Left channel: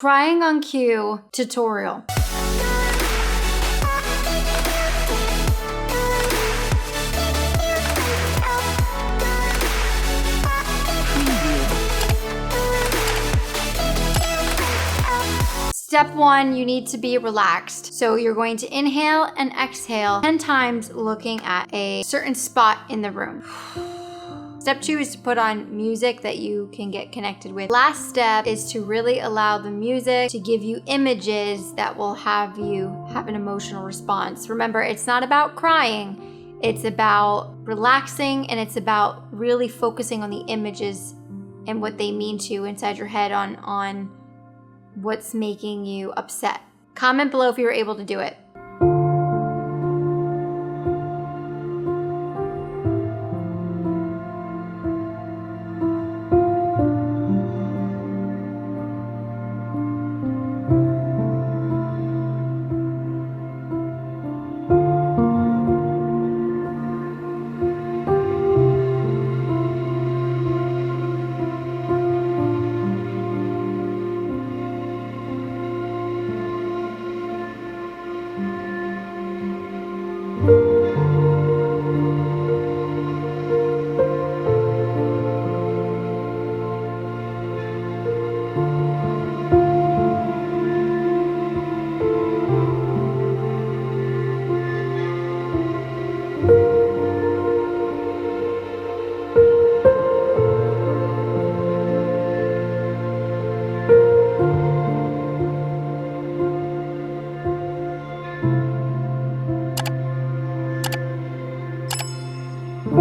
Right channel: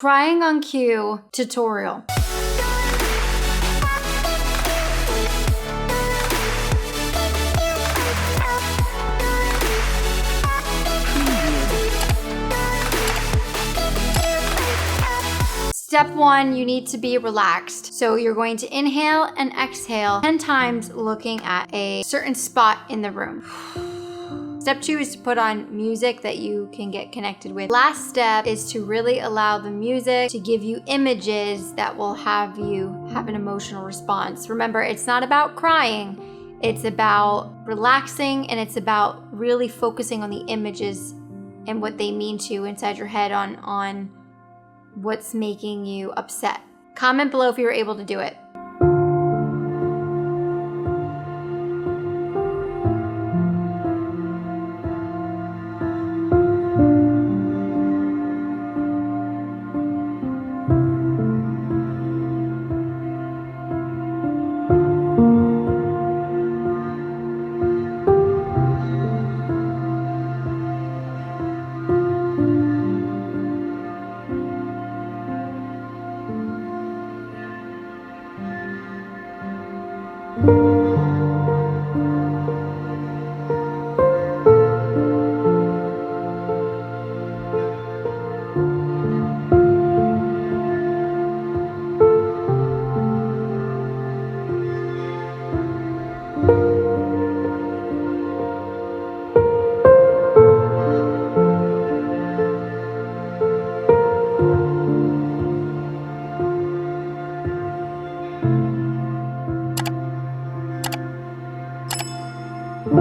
Crying on cue tutorial. Step 1, you need to be relaxed. So you're going to inhale and exhale 10 times looking at a certain spot in the room. Step 2 is to put on music that you can get connected with. Last step is to really allow the music to give you images that will have you have an emotional response. Remember, it's not about crying. It's about relaxing, and it's about really focusing on the images and what they mean to you inside your head on what's making you upset. Comment below if you were able to do it.